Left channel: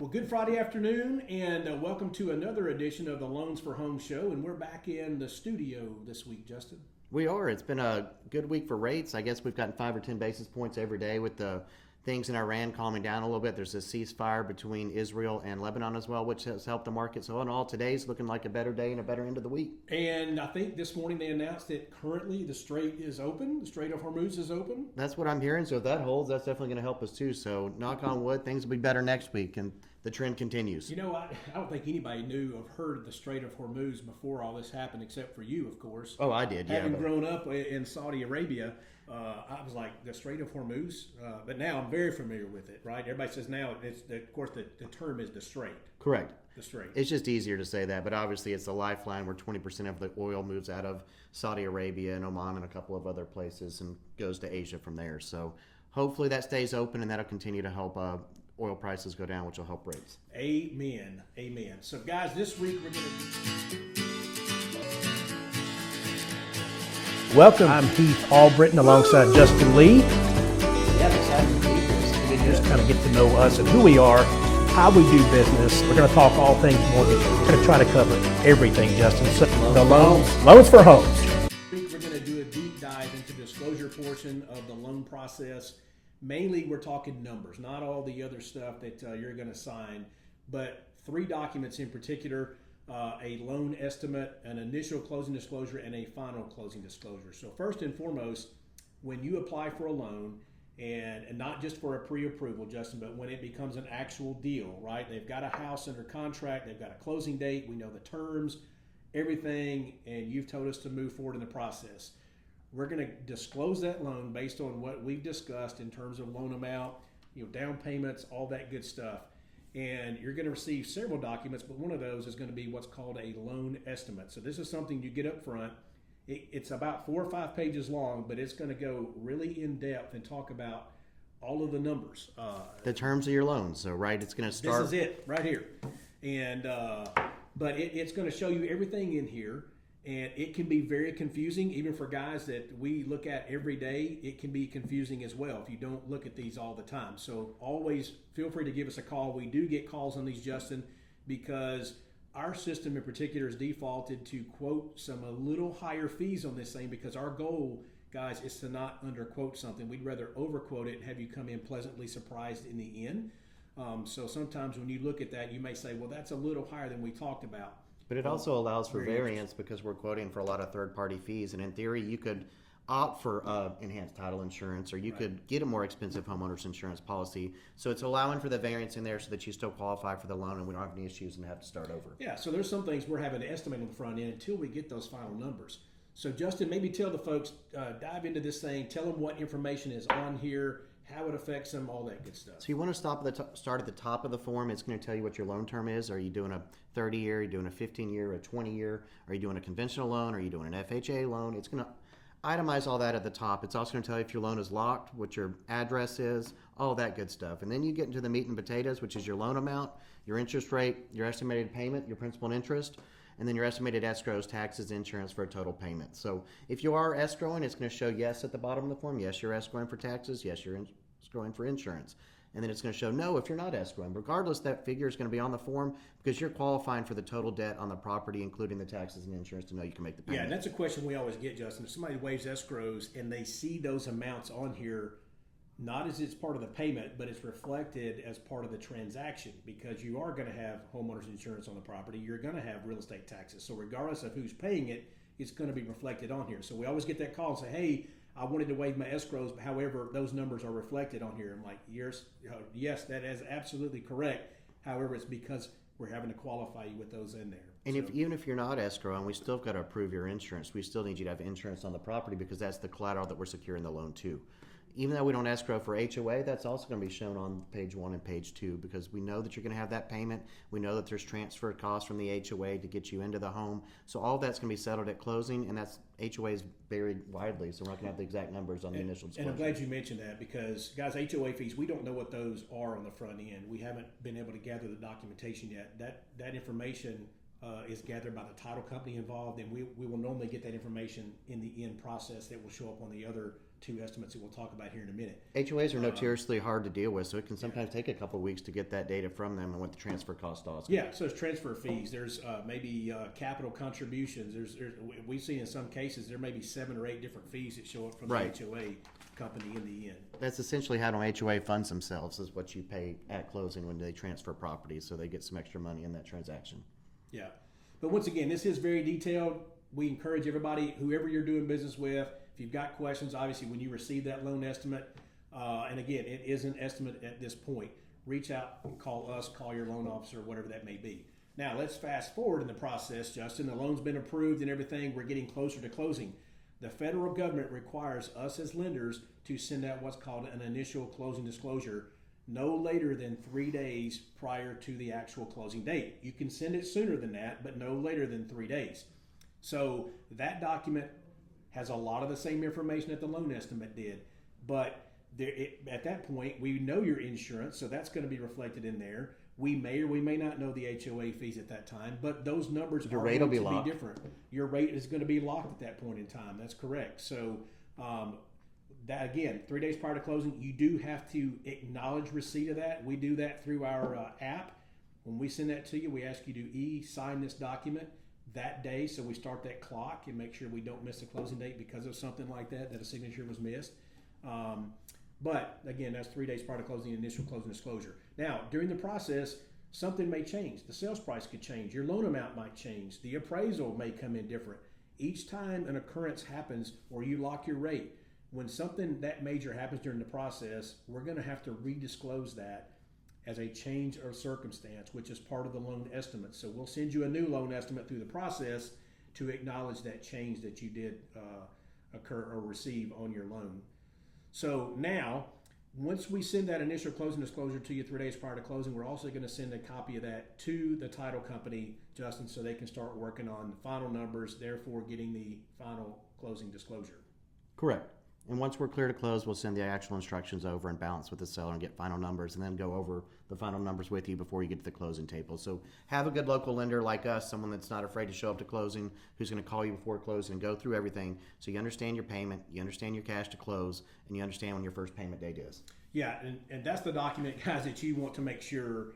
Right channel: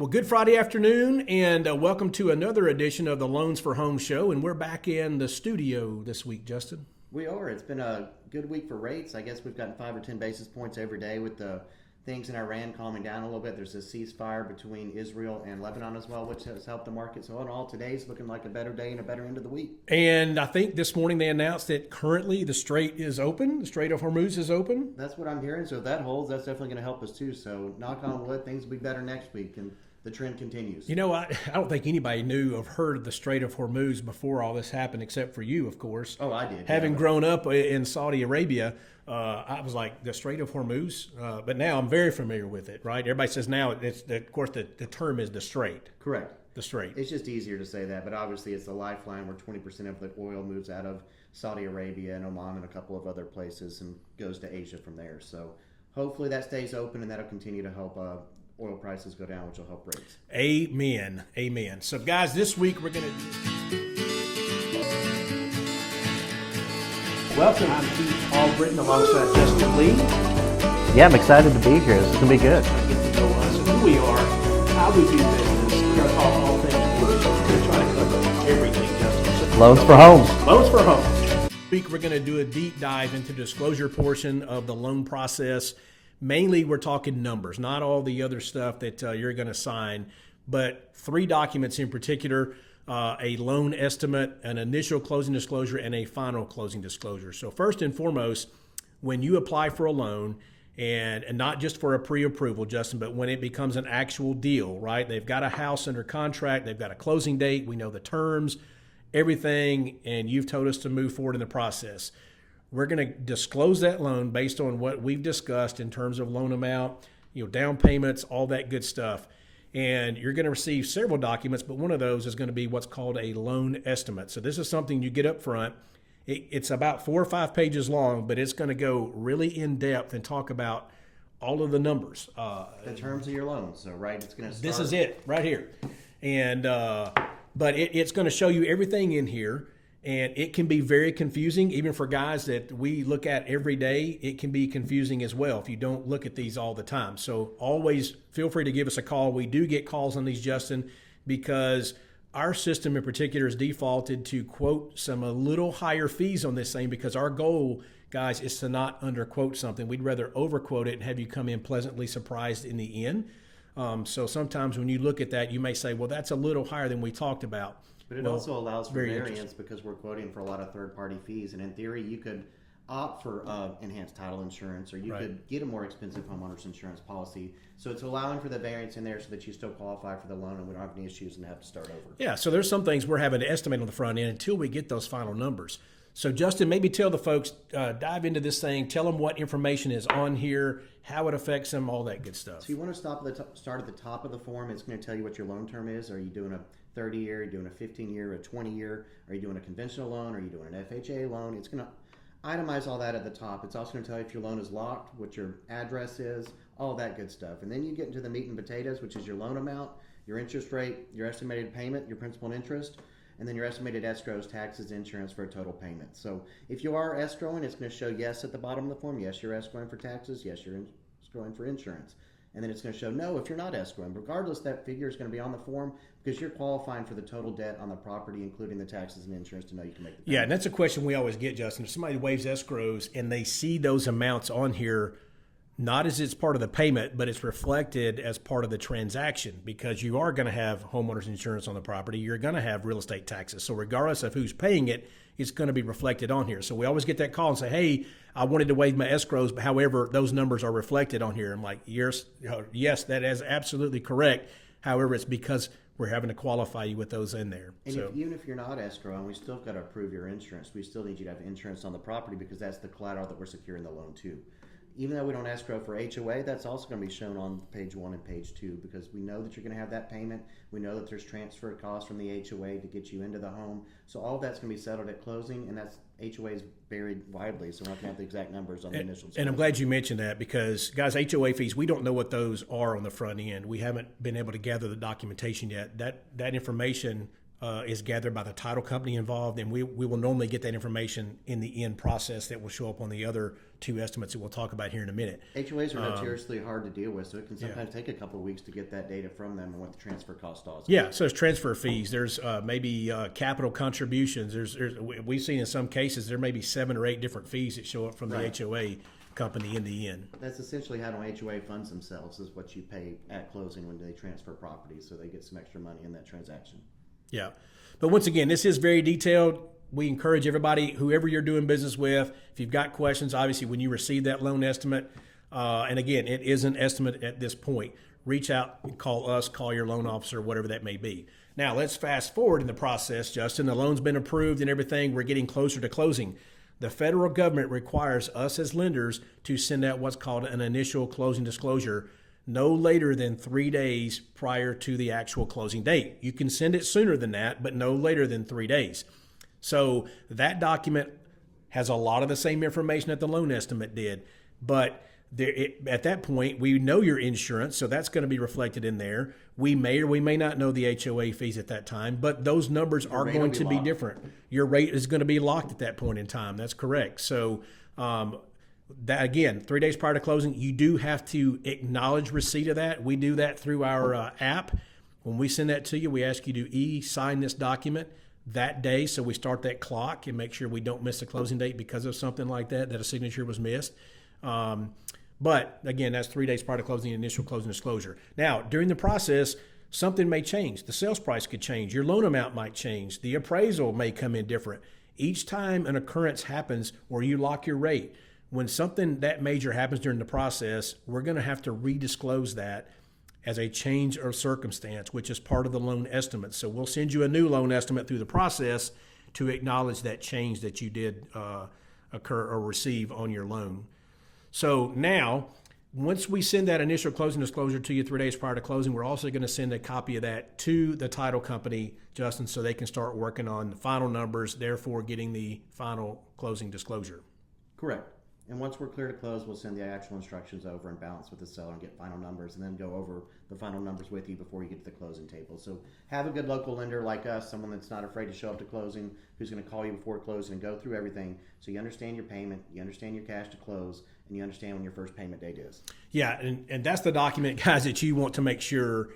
Well, good Friday afternoon, and welcome to another edition of the Loans for Home show. And we're back in the studio this week, Justin. We are. It's been a good week for rates. I guess we've gotten 5 or 10 basis points every day with the things in Iran calming down a little bit. There's a ceasefire between Israel and Lebanon as well, which has helped the market. So in all, today's looking like a better day and a better end of the week. And I think this morning they announced that currently the Strait is open. The Strait of Hormuz is open. That's what I'm hearing. So if that holds, that's definitely going to help us too. So knock on wood, things will be better next week. And the trend continues. You know, I don't think anybody knew or heard of the Strait of Hormuz before all this happened, except for you, of course. Oh, I did. Having grown up in Saudi Arabia, I was like, the Strait of Hormuz? But now I'm very familiar with it, right? Everybody says now, of course, the term is the Strait. Correct. The Strait. It's just easier to say that, but obviously it's a lifeline where 20% of the oil moves out of Saudi Arabia and Oman and a couple of other places and goes to Asia from there. So hopefully that stays open and that'll continue to help oil prices go down, which will help rates. Amen. Amen. So, guys, this week we're going to... Welcome. I'm Keith Albritton alongside Justin Lee. Yeah, I'm excited to be here. It's going to be good. Kind of get to know us and who we are, how we do business. We're going to talk all things mortgage. We're going to try to cover everything, Justin. So, Loans for homes. Loans for homes. This week we're going to do a deep dive into the disclosure portion of the loan process. Mainly, we're talking numbers, not all the other stuff that you're going to sign, but 3 documents in particular, a loan estimate, an initial closing disclosure, and a final closing disclosure. So first and foremost, when you apply for a loan, and not just for a pre-approval, Justin, but when it becomes an actual deal, right? They've got a house under contract, they've got a closing date, we know the terms, everything, and you've told us to move forward in the process. We're going to disclose that loan based on what we've discussed in terms of loan amount, down payments, all that good stuff. And you're going to receive several documents, but one of those is going to be what's called a loan estimate. So this is something you get up front. It's about 4 or 5 pages long, but it's going to go really in depth and talk about all of the numbers. The terms of your loan. So, right, it's going to start. This is it right here. And but it's going to show you everything in here. And it can be very confusing, even for guys that we look at every day. It can be confusing as well if you don't look at these all the time. So always feel free to give us a call. We do get calls on these, Justin, because our system in particular is defaulted to quote some a little higher fees on this thing, because our goal, guys, is to not underquote something. We'd rather overquote it and have you come in pleasantly surprised in the end. So sometimes when you look at that, you may say, well, that's a little higher than we talked about. But it also allows for variance because we're quoting for a lot of third-party fees. And in theory, you could opt for enhanced title insurance, or you could get a more expensive homeowner's insurance policy. So it's allowing for the variance in there so that you still qualify for the loan and we don't have any issues and have to start over. Yeah, so there's some things we're having to estimate on the front end until we get those final numbers. So Justin, maybe tell the folks, dive into this thing, tell them what information is on here, how it affects them, all that good stuff. So you want to start at the top of the form. It's going to tell you what your loan term is. Are you doing a 30-year, are you doing a 15-year, a 20-year? Are you doing a conventional loan? Are you doing an FHA loan? It's going to itemize all that at the top. It's also going to tell you if your loan is locked, what your address is, all that good stuff. And then you get into the meat and potatoes, which is your loan amount, your interest rate, your estimated payment, your principal and interest, and then your estimated escrows, taxes, insurance for a total payment. So if you are escrowing, it's going to show yes at the bottom of the form. Yes, you're escrowing for taxes. Yes, you're escrowing for insurance. And then it's going to show no if you're not escrowing. Regardless, that figure is going to be on the form because you're qualifying for the total debt on the property, including the taxes and insurance, to know you can make the payment. Yeah, and that's a question we always get, Justin. If somebody waives escrows and they see those amounts on here, not as it's part of the payment, but it's reflected as part of the transaction, because you are going to have homeowners insurance on the property. You're going to have real estate taxes. So regardless of who's paying it, it's going to be reflected on here. So we always get that call and say, hey, I wanted to waive my escrows, but however, those numbers are reflected on here. I'm like, yes, that is absolutely correct. However, it's because we're having to qualify you with those in there. And even if you're not escrowing, we still got to approve your insurance. We still need you to have insurance on the property because that's the collateral that we're securing the loan to. Even though we don't escrow for HOA, that's also going to be shown on page 1 and page 2 because we know that you're going to have that payment. We know that there's transfer costs from the HOA to get you into the home. So all that's going to be settled at closing, and that's HOAs varied widely, so we're not going to have the exact numbers on the initial disclosure. And I'm glad you mentioned that because, guys, HOA fees, we don't know what those are on the front end. We haven't been able to gather the documentation yet. That information is gathered by the title company involved, and we will normally get that information in the end process that will show up on the other two estimates that we'll talk about here in a minute. HOAs are notoriously hard to deal with, so it can sometimes take a couple of weeks to get that data from them and what the transfer cost also. Yeah, so there's transfer fees. There's maybe capital contributions. We've seen in some cases there may be 7 or 8 different fees that show up from the HOA company in the end. That's essentially how an HOA funds themselves, is what you pay at closing when they transfer properties, so they get some extra money in that transaction. Yeah. But once again, this is very detailed. We encourage everybody, whoever you're doing business with, if you've got questions, obviously when you receive that loan estimate, and again, it is an estimate at this point, reach out and call us, call your loan officer, whatever that may be. Now, let's fast forward in the process, Justin. The loan's been approved and everything. We're getting closer to closing. The federal government requires us as lenders to send out what's called an initial closing disclosure no later than 3 days prior to the actual closing date. You can send it sooner than that, but no later than 3 days. So that document has a lot of the same information that the loan estimate did, but at that point, we know your insurance, so that's going to be reflected in there. We may or we may not know the HOA fees at that time, but those numbers are going to be different. Your rate is going to be locked at that point in time. That's correct. So that again, 3 days prior to closing, you do have to acknowledge receipt of that. We do that through our app. When we send that to you, we ask you to e-sign this document that day, so we start that clock and make sure we don't miss the closing date because of something like that a signature was missed. But again, that's 3 days prior to closing, initial closing disclosure. Now, during the process, something may change. The sales price could change. Your loan amount might change. The appraisal may come in different. Each time an occurrence happens where you lock your rate, when something that major happens during the process, we're going to have to redisclose that as a change of circumstance, which is part of the loan estimate. So we'll send you a new loan estimate through the process to acknowledge that change that you did occur or receive on your loan. So now, once we send that initial closing disclosure to you 3 days prior to closing, we're also going to send a copy of that to the title company, Justin, so they can start working on the final numbers, therefore getting the final closing disclosure. Correct. And once we're clear to close, we'll send the actual instructions over and balance with the seller and get final numbers, and then go over the final numbers with you before you get to the closing table. So have a good local lender like us, someone that's not afraid to show up to closing, who's going to call you before closing and go through everything, so you understand your payment, you understand your cash to close, and you understand when your first payment date is. Yeah, and that's the document, guys, that you want to make sure,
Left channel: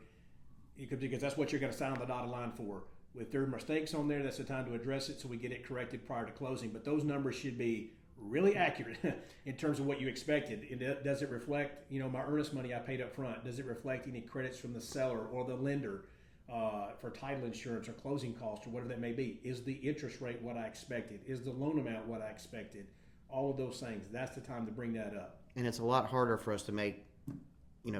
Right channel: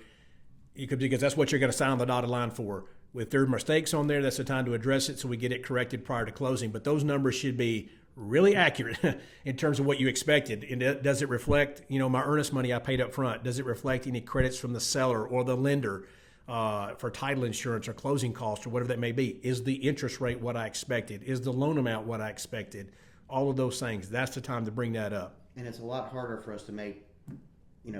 because that's what you're going to sign on the dotted line for. If there are mistakes on there, that's the time to address it so we get it corrected prior to closing. But those numbers should be really accurate in terms of what you expected. And does it reflect, my earnest money I paid up front? Does it reflect any credits from the seller or the lender for title insurance or closing costs or whatever that may be? Is the interest rate what I expected? Is the loan amount what I expected? All of those things. That's the time to bring that up. And it's a lot harder for us to make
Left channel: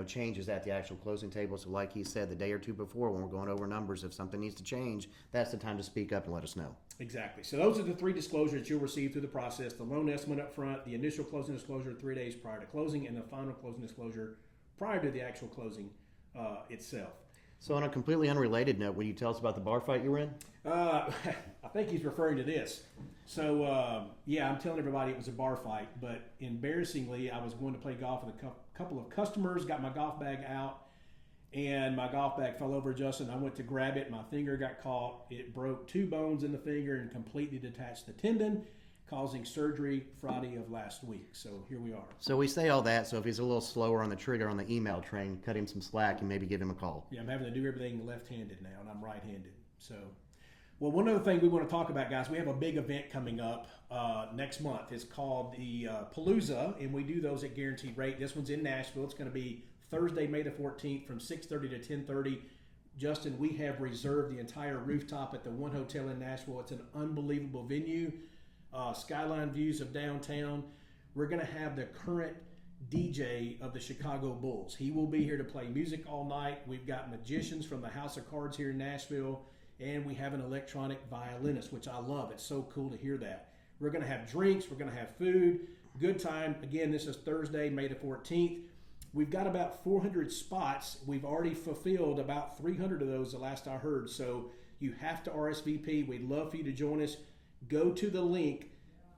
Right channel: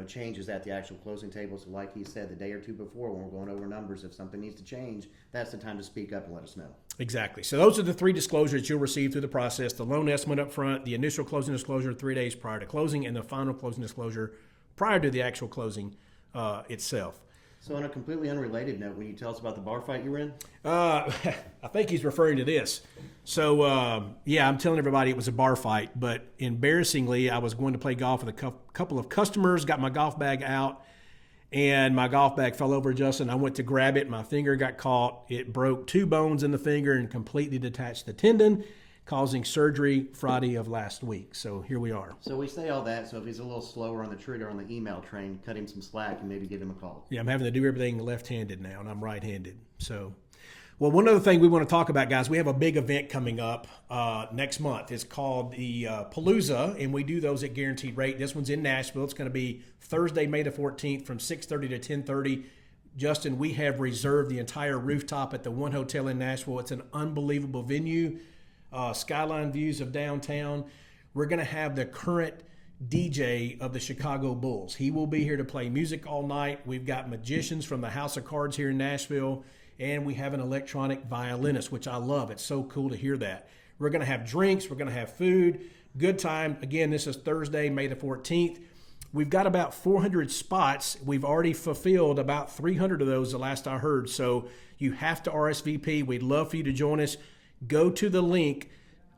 changes at the actual closing table. So like he said, the day or two before when we're going over numbers, if something needs to change, that's the time to speak up and let us know. Exactly. So those are the 3 disclosures you'll receive through the process: the loan estimate up front, the initial closing disclosure 3 days prior to closing, and the final closing disclosure prior to the actual closing itself. So on a completely unrelated note, will you tell us about the bar fight you were in? I think he's referring to this. So, I'm telling everybody it was a bar fight, but embarrassingly, I was going to play golf with a couple of customers, got my golf bag out, and my golf bag fell over, Justin. I went to grab it. My finger got caught. It broke 2 bones in the finger and completely detached the tendon, causing surgery Friday of last week. So here we are. So we say all that, so if he's a little slower on the trigger on the email train, cut him some slack and maybe give him a call. Yeah, I'm having to do everything left-handed now, and I'm right-handed. So, well, one other thing we want to talk about, guys, we have a big event coming up next month. It's called the Palooza, and we do those at guaranteed rate. This one's in Nashville. It's going to be Thursday, May the 14th from 6:30 to 10:30. Justin, we have reserved the entire rooftop at the One Hotel in Nashville. It's an unbelievable venue. Skyline views of downtown. We're going to have the current DJ of the Chicago Bulls. He will be here to play music all night. We've got magicians from the House of Cards here in Nashville, and we have an electronic violinist, which I love. It's so cool to hear that. We're going to have drinks. We're going to have food. Good time. Again, this is Thursday, May the 14th. We've got about 400 spots. We've already fulfilled about 300 of those the last I heard. So you have to RSVP. We'd love for you to join us. Go to the link,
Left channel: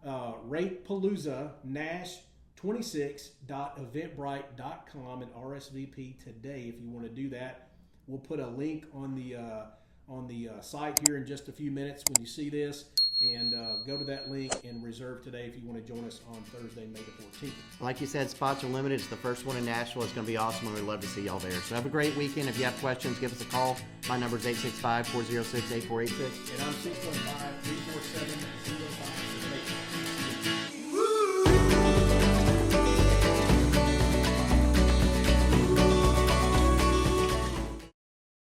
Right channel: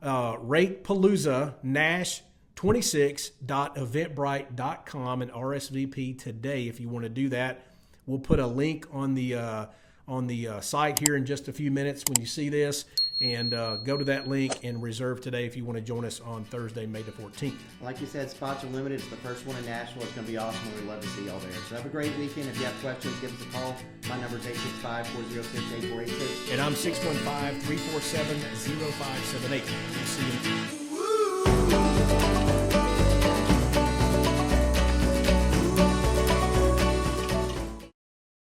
Rate Palooza Nash 26.eventbrite.com and RSVP today if you want to do that. We'll put a link on the on the site here in just a few minutes when you see this. And go to that link and reserve today if you want to join us on Thursday, May the 14th. Like you said, spots are limited. It's the first one in Nashville. It's going to be awesome. We'd love to see y'all there. So have a great weekend. If you have questions, give us a call. My number is 865-406-8486. And I'm 615-347-0578. See you